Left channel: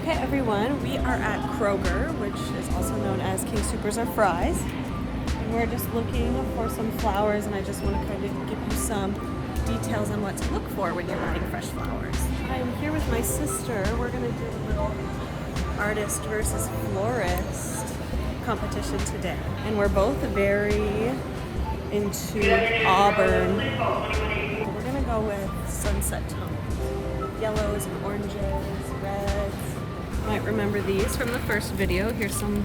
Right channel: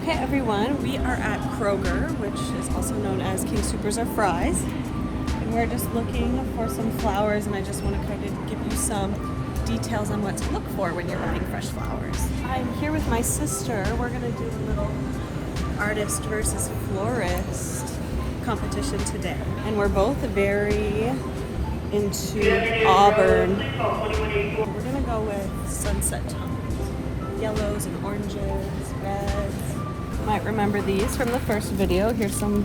Okay everyone, we are at Kroger, which is also known as King Soopers or Fry's. And we're just looking for some flowers, and I just want to kind of give you some details on what to look for when you're buying fresh flowers. I'm here with my sister. We're going to do a little artist versus florist competition today. And we're both very into auburn. We're going to go with sunset tones. Yellows and oranges, reds. You might remember these from the first video. Here's some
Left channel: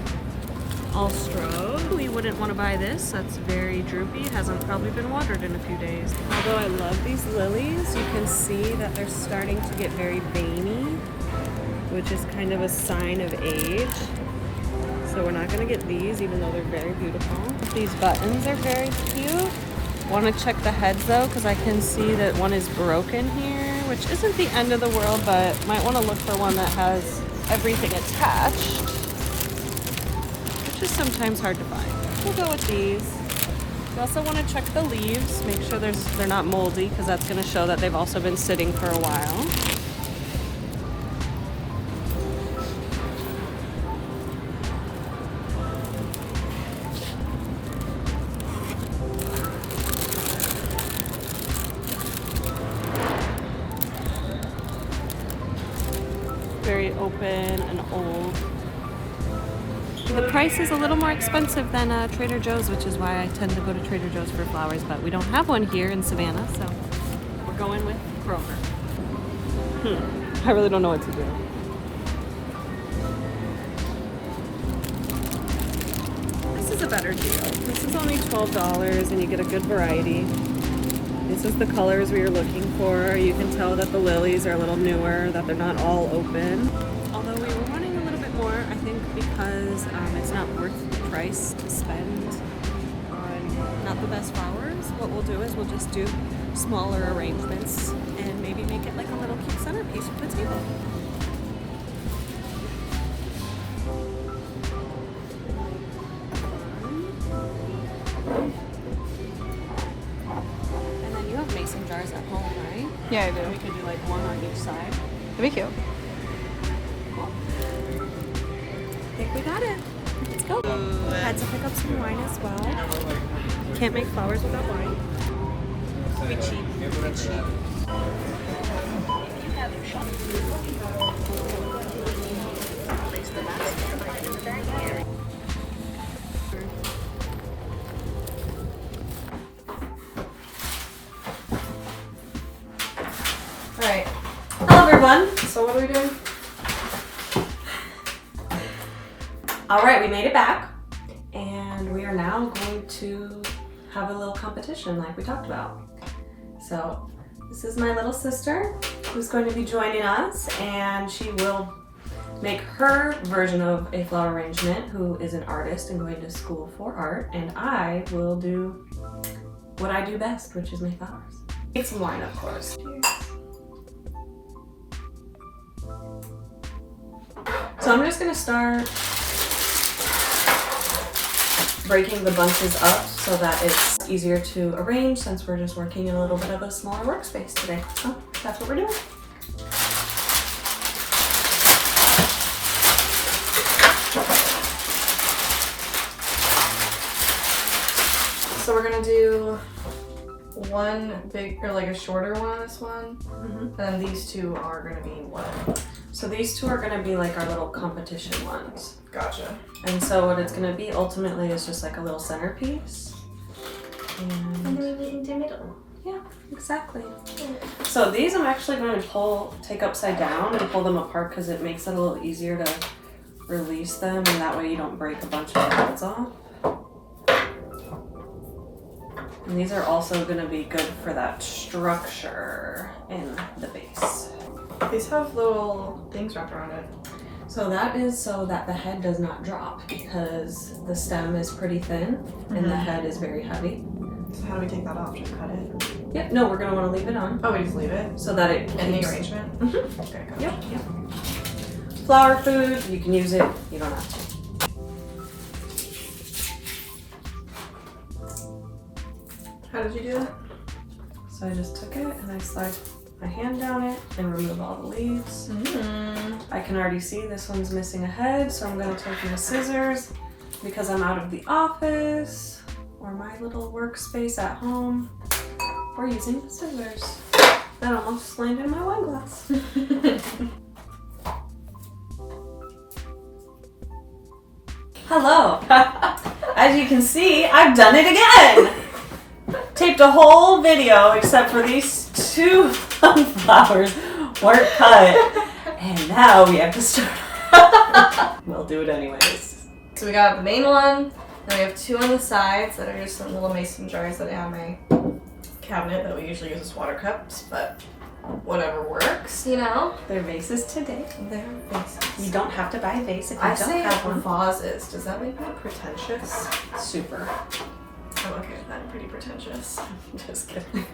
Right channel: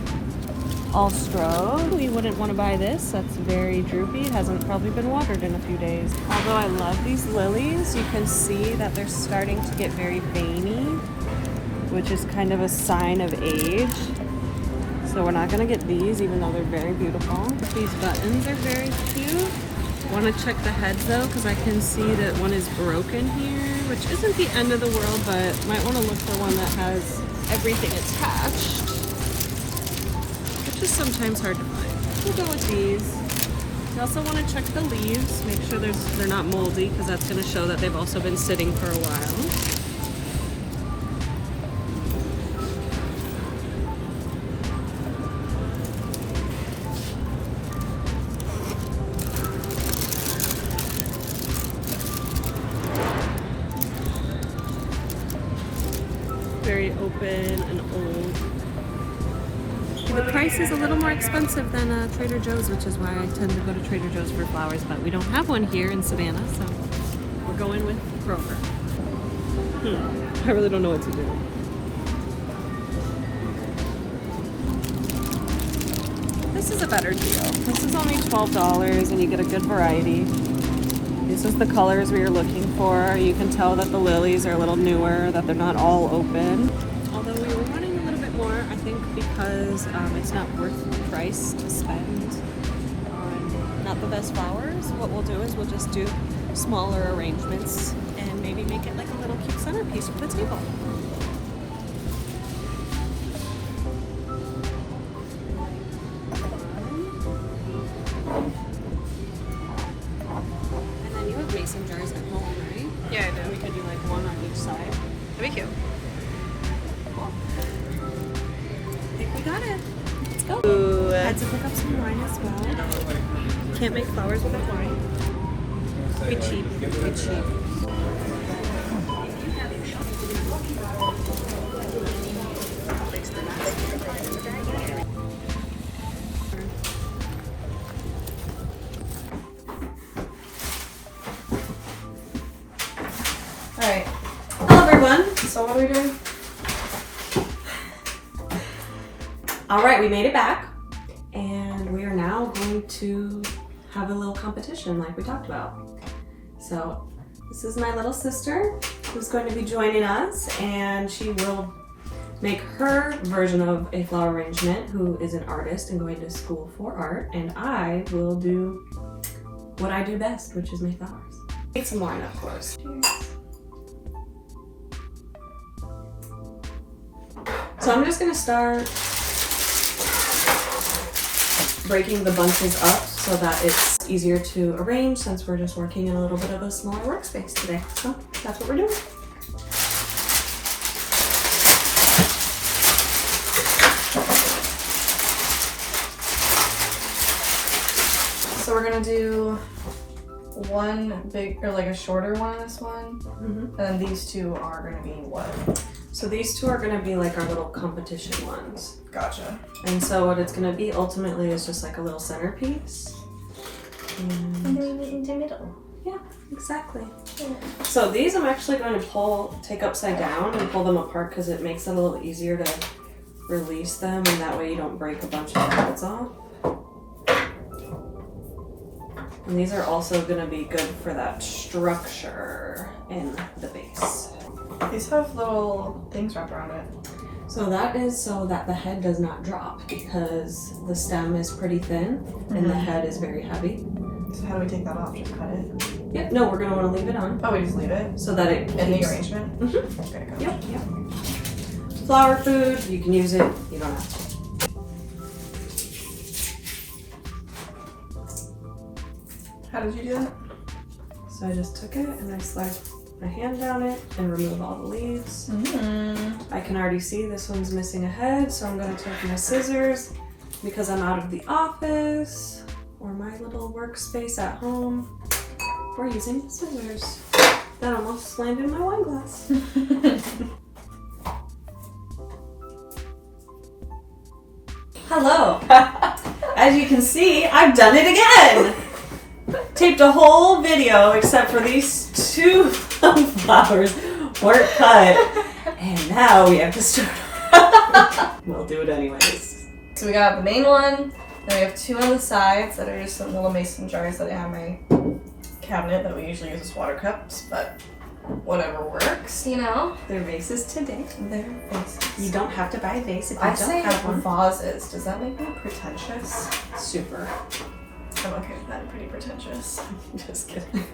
All-Strobe. We wouldn't want to buy this. That's very droopy. It hasn't probably been watered in a few days. Although I love these lilies, you can see that they're starting to get very veiny, which is kind of a sign of age. So we're not going to get these, even though they're very beautiful. These buttons are very cute. Want to check the heads though, because I can see that one is broken here, which isn't the end of the world, but might want to look for one that has everything attached, which is sometimes hard to find. We'll go with these. You also want to check the leaves, make sure they're not moldy, because that's going to show that they've also been sitting for a while. Very open and old. The price is a little more expensive than Trader Joe's, which is why I tend to go to Trader Joe's for flowers, but we don't have one here in Savannah, so we're going with Kroger. I really don't know what to do. This is a better deal. This is only $12 and you get a good variety. This is the colors we are looking for. You can tell that the lilies are a little newer, that they're not all open. Although we were wanting a little bit more, I think because it's not worth the price to spend on not the best flowers, what we'll do is we'll just do smaller arrangements and maybe make it like a little cute centerpiece for the table. Mason jars at home, right? Yeah, I do. We could do like one on each side. That'd be cute. Cool. I think we got it. Let's go. Ooh. Had to pick up some wine as well. Can't make flowers without wine. We cheap. We cheap. Alright. Hello everyone. So what are we doing? Alright, we made it back. And we are now going to have a little competition like we talked about. So this is my little sister who's going to be joining us, and she will make her version of a flower arrangement, who is an artist and going to school for art, and I will do what I do best, which is make flowers. Make some wine, of course. Cheers. So I'm just gonna start breaking the bunches up so that it's easier to arrange, since we're just working in a little bit of a smaller workspace today. So that's what we're doing. So we're gonna do one big, or like a shorter one on this one, and then these two are gonna be what? So these two are gonna be like our little competition ones. Gotcha. And so what it's gonna be ultimately is just like a little centerpiece. And then in the middle. yeah, exactly. So these I'm actually going to take upside down and pull them apart, because it makes it a little easier to release them, and that way you don't break a bunch of heads off. And these are also going to be good for that structure in the base. These have little things wrapped around it. So that is so that the head does not drop, because the stem is pretty thin and the head is very heavy. So how do we take that off? Just cut it? Yep, no, we're going to want to leave it on. Oh, we just leave it? So that it In the keeps- arrangement? Mhm. Okay, gotcha. Yep. Flower food, you can use it, you don't have to. How did you do that? So I just took it and I sliced my hand down it and remove all the leaves. I can already see this one's missing a head, so I'm gonna take my scissors because I'm out of the office or my little workspace at home. We're using the scissors. That almost landed in my wine glass. Hello. As you can see, I've done it again. Taped a whole video except for these two flowers weren't cut. And now we have to start. We'll do it anyways. So we got the main one, then we have two on the sides that are just some little mason jars that I have in my cabinet that we usually use as water cups, but whatever works, you know? They're vases today. They're vases. You don't have to buy a vase if you I don't say have one. vases. Does that make me pretentious? Super. I'm okay with that. I'm pretty pretentious. Just kidding.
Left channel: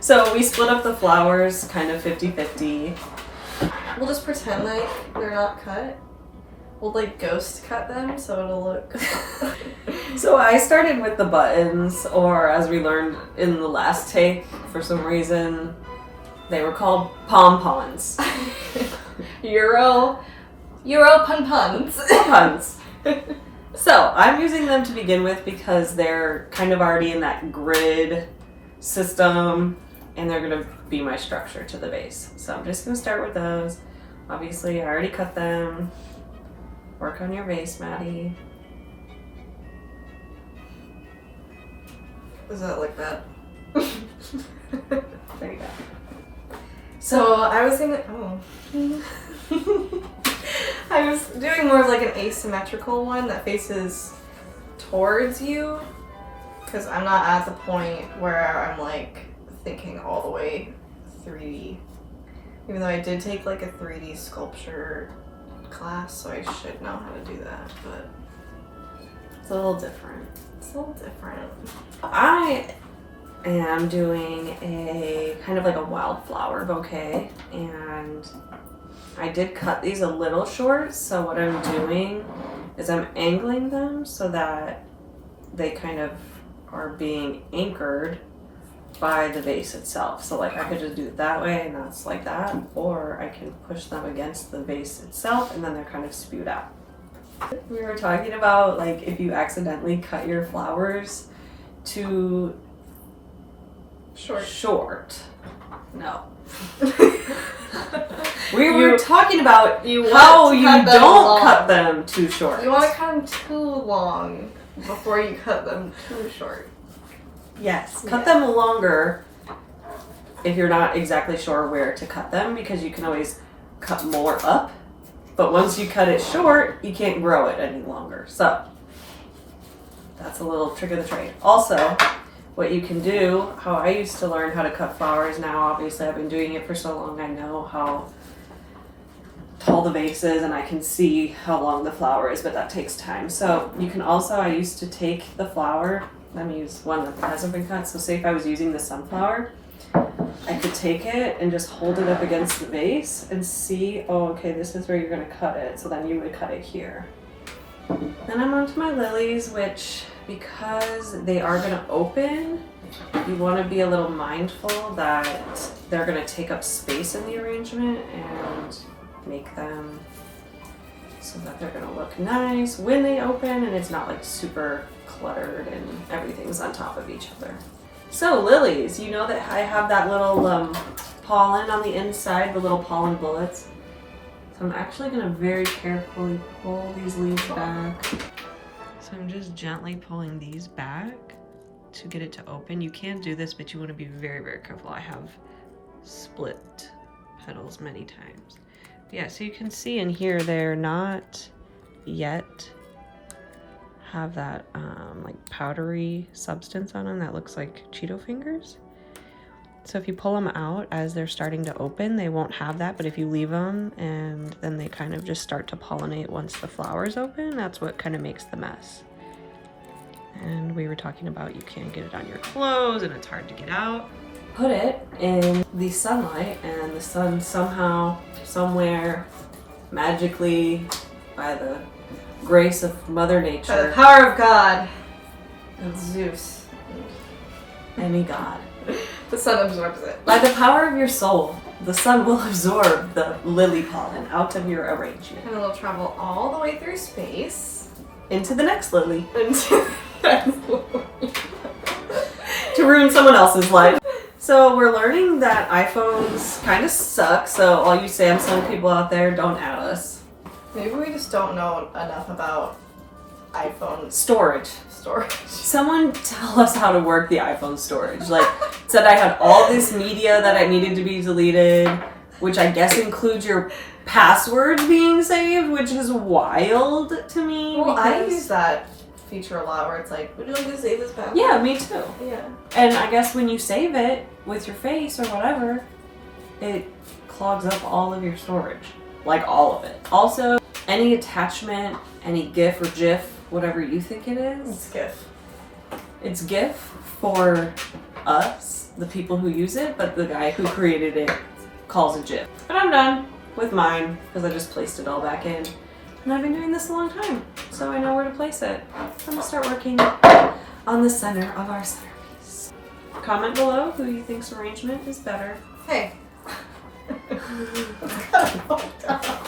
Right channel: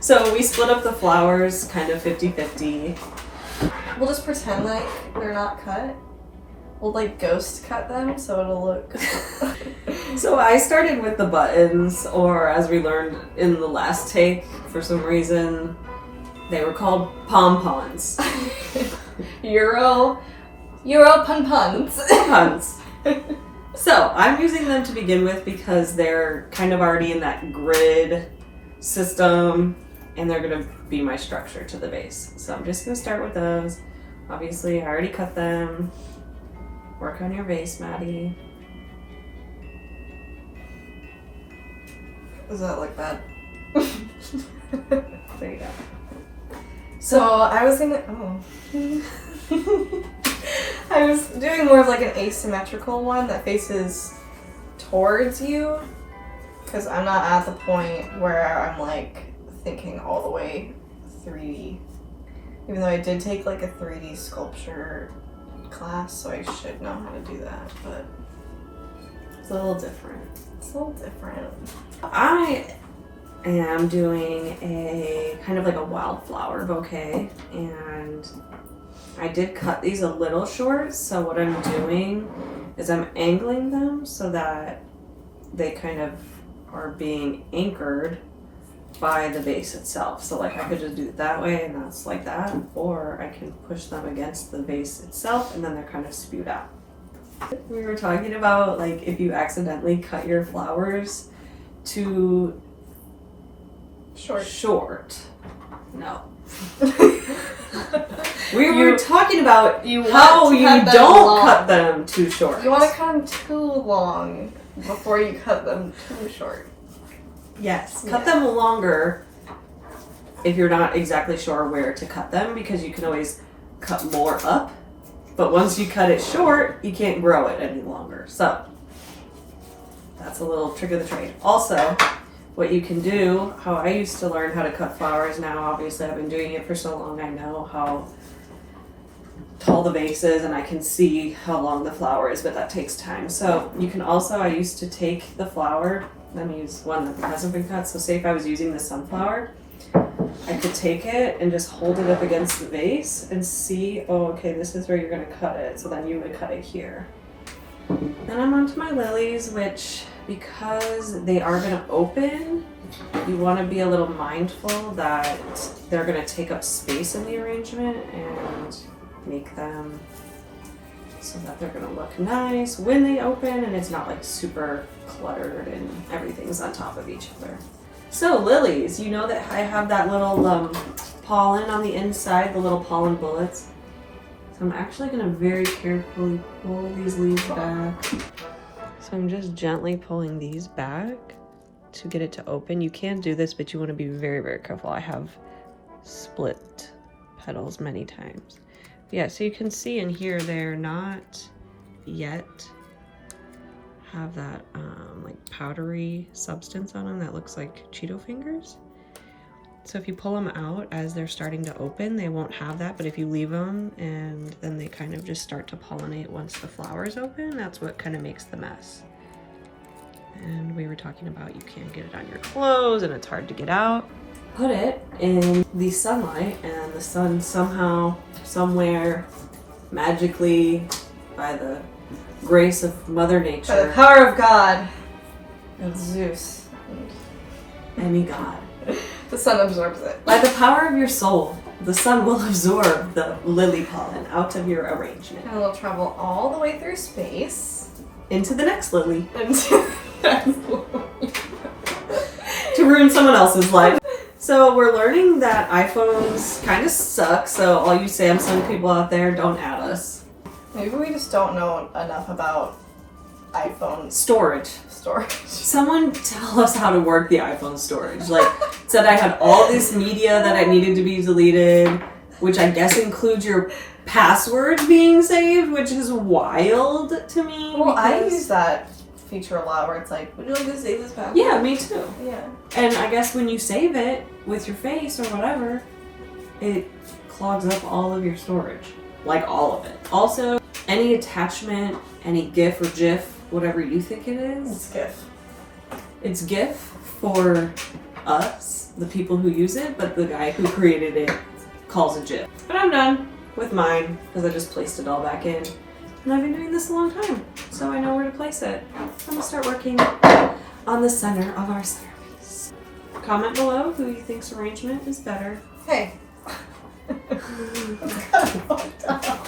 So we split up the flowers kind of 50-50. We'll just pretend like they're not cut. We'll like ghost cut them so it'll look... So I started with the buttons, or as we learned in the last take, for some reason, they were called pom-poms. Euro pun-puns. Puns. So I'm using them to begin with because they're kind of already in that grid system and they're gonna be my structure to the vase. So I'm just gonna start with those. Obviously I already cut them. Work on your vase, Maddie. Does that look bad? There you go. So I was gonna, I was doing more of like an asymmetrical one that faces towards you, because I'm not at the point where I'm like thinking all the way 3D. Even though I did take like a 3D sculpture class, so I should know how to do that, but It's a little different. it's a little different. I am doing a kind of like a wildflower bouquet, and I did cut these a little short, so what I'm doing is I'm angling them so that they kind of are being anchored by the vase itself. So like I could just do it that way and that's like that, or I can push them against the vase itself and then they're kind of spewed out. We were talking about like if you accidentally cut your flowers too short. No. We were talking about how you don't cut them too short. You want to cut them too long before you cut them too short. Yes, cut them longer if you're not exactly sure where to cut them, because you can always cut more up. But once you cut it short, you can't grow it any longer. So that's a little trick of the trade. Also, what you can do, how I used to learn how to cut flowers, now obviously I've been doing it for so long, I know how tall the vase is and I can see how long the flower is, but that takes time. So you can also, I used to take the flower, let me use one that hasn't been cut. So say if I was using the sunflower, I could take it and just hold it up against the vase and see, oh, okay, this is where you're gonna cut it. So then you would cut it here. Then I'm on to my lilies, which because they are gonna open, you wanna be a little mindful that they're gonna take up space in the arrangement and make them so that they're gonna look nice when they open and it's not like super cluttered and everything's on top of each other. So lilies, you know that I have that little pollen on the inside, the little pollen bullets. So I'm actually gonna very carefully pull these leaves back. So I'm just gently pulling these back to get it to open. You can do this, but you wanna be very, very careful. I have split petals many times. Yeah, so you can see in here, they're not yet have that like powdery substance on them that looks like Cheeto fingers. So if you pull them out as they're starting to open, they won't have that, but if you leave them and then they kind of just start to pollinate once the flowers open, that's what kind of makes the mess. And we were talking about you can't get it on your clothes and it's hard to get out. Put it in the sunlight and the sun somehow, somewhere, magically, by the grace of Mother Nature. By the power of God and Zeus. Any god. The sun absorbs it. By the power of your soul, the sun will absorb the lily pollen out of your arrangement. And it'll travel all the way through space. Into the next lily. Into the next lily. To ruin someone else's life. So we're learning that iPhones kind of suck, so all you Samsung people out there, don't add us. Maybe we just don't know enough about iPhone storage. Someone tell us how to work the iPhone storage. Like, said I had all this media that I needed to be deleted, which I guess includes your passwords being saved, which is wild to me. Well, I use that feature a lot where it's like, would you like to save this password? Yeah, me too. Yeah. And I guess when you save it with your face or whatever, it clogs up all of your storage. Like all of it. Also, any attachment, any GIF or GIF, whatever you think it is. It's GIF. It's GIF for us, the people who use it, but the guy who created it calls it GIF. But I'm done with mine because I just placed it all back in. And I've been doing this a long time, so I know where to place it. I'm gonna start working on the center of our centerpiece. Comment below who you think's arrangement is better. Hey. That's kind of fucked up.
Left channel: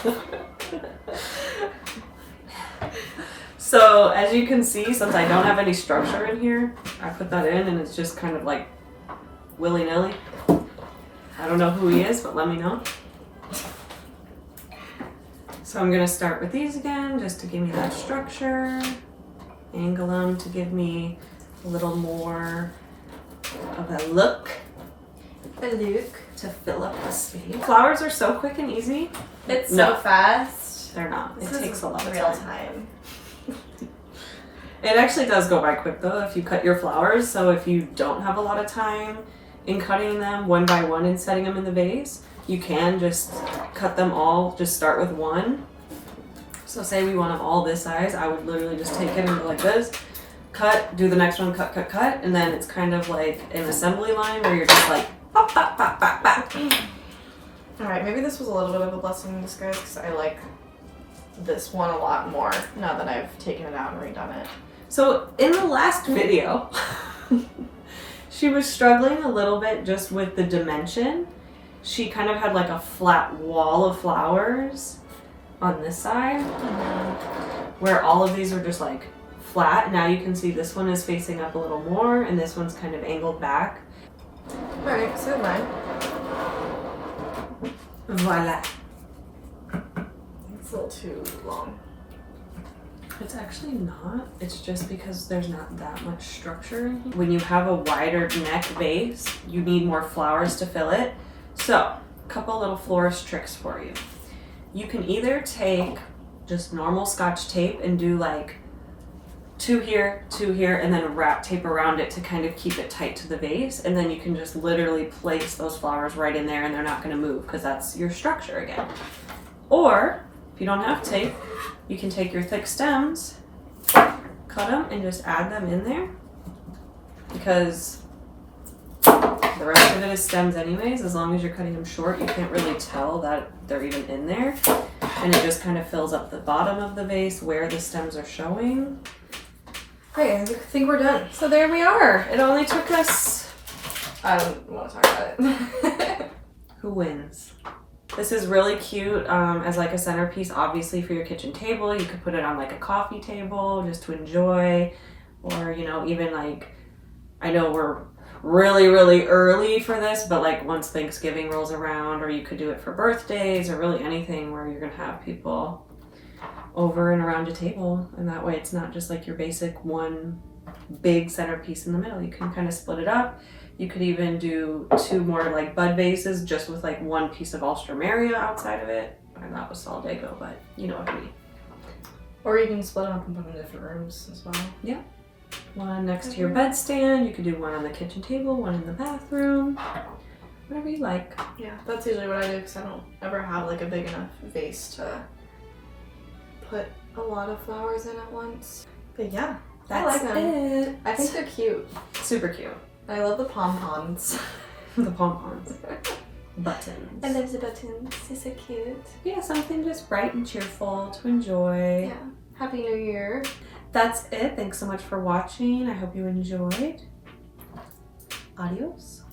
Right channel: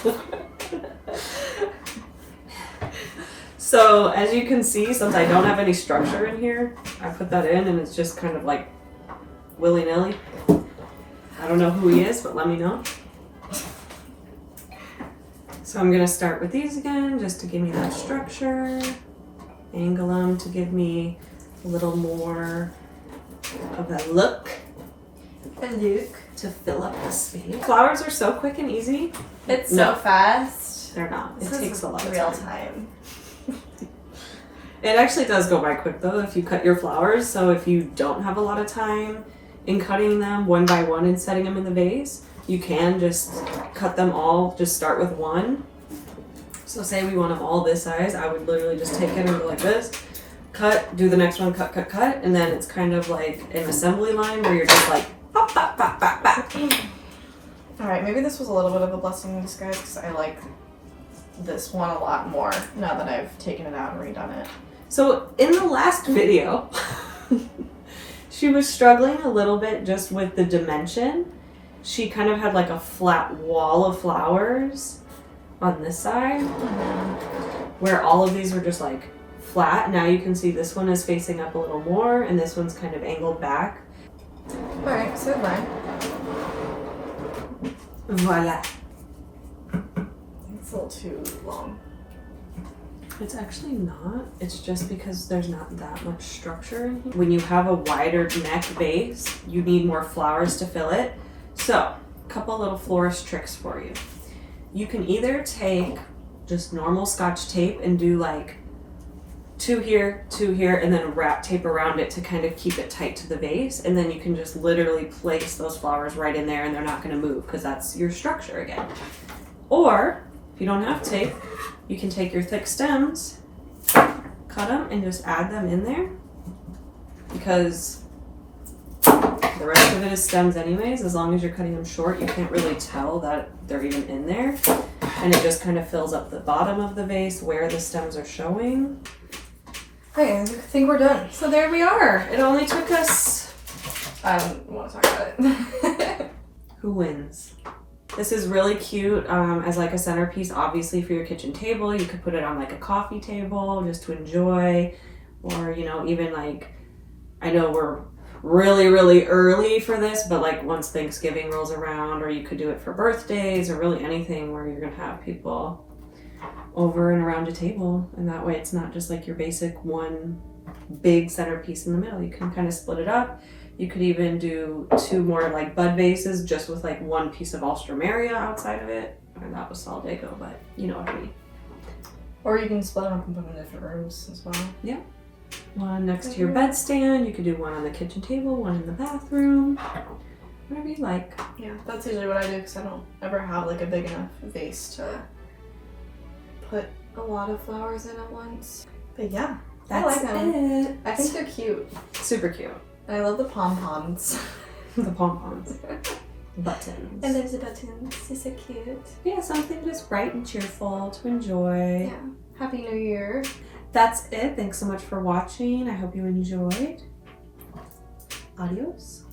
So as you can see, since I don't have any structure in here, I put that in and it's just kind of like willy-nilly. I don't know who he is, but let me know. So I'm gonna start with these again, just to give me that structure. Angle them to give me a little more of a look. To fill up the space. Flowers are so quick and easy. It's so fast. They're not. It takes a lot of real time. It actually does go by quick though if you cut your flowers. So if you don't have a lot of time in cutting them one by one and setting them in the vase, you can just cut them all, just start with one. So say we want them all this size, I would literally just take it and go like this, cut, do the next one, cut, cut, cut, and then it's kind of like an assembly line where you're just like, pop, pop, pop, pop, pop. Alright, maybe this was a little bit of a blessing in disguise because I like this one a lot more now that I've taken it out and redone it. So in the last video, she was struggling a little bit just with the dimension. She kind of had like a flat wall of flowers on this side where all of these are just like flat. Now you can see this one is facing up a little more and this one's kind of angled back. Alright, so mine. Voila. It's a little too long. It's actually not. It's just because there's not that much structure in here. When you have a wider neck base, you need more flowers to fill it. So, a couple little florist tricks for you. You can either take just normal Scotch tape and do like two here, and then wrap tape around it to kind of keep it tight to the vase. And then you can just literally place those flowers right in there and they're not gonna move because that's your structure again. Or, if you don't have tape, you can take your thick stems, cut them, and just add them in there because the rest of it is stems anyways. As long as you're cutting them short, you can't really tell that they're even in there. And it just kind of fills up the bottom of the vase where the stems are showing. Okay, I think we're done. So there we are. It only took us... I don't want to talk about it. Who wins? This is really cute as like a centerpiece, obviously for your kitchen table. You could put it on like a coffee table just to enjoy, or you know, even like, I know we're really early for this, but like once Thanksgiving rolls around, or you could do it for birthdays or really anything where you're gonna have people over and around a table, and that way it's not just like your basic one big centerpiece in the middle. You can kind of split it up. You could even do two more like bud vases just with like one piece of Alstroemeria outside of it. And that was Solidago, but you know what I mean. Or you can split them up and put them in different rooms as well. Yeah. One next to your bedstand. You could do one on the kitchen table, one in the bathroom. Whatever you like. Yeah, that's usually what I do because I don't ever have like a big enough vase to put a lot of flowers in at once. But yeah, I like them. I think they're cute. Super cute. I love the pom-poms. The pom-poms. Buttons. I love the buttons. They're so cute. Yeah, something just bright and cheerful to enjoy. Yeah. Happy New Year. That's it. Thanks so much for watching. I hope you enjoyed. Adios.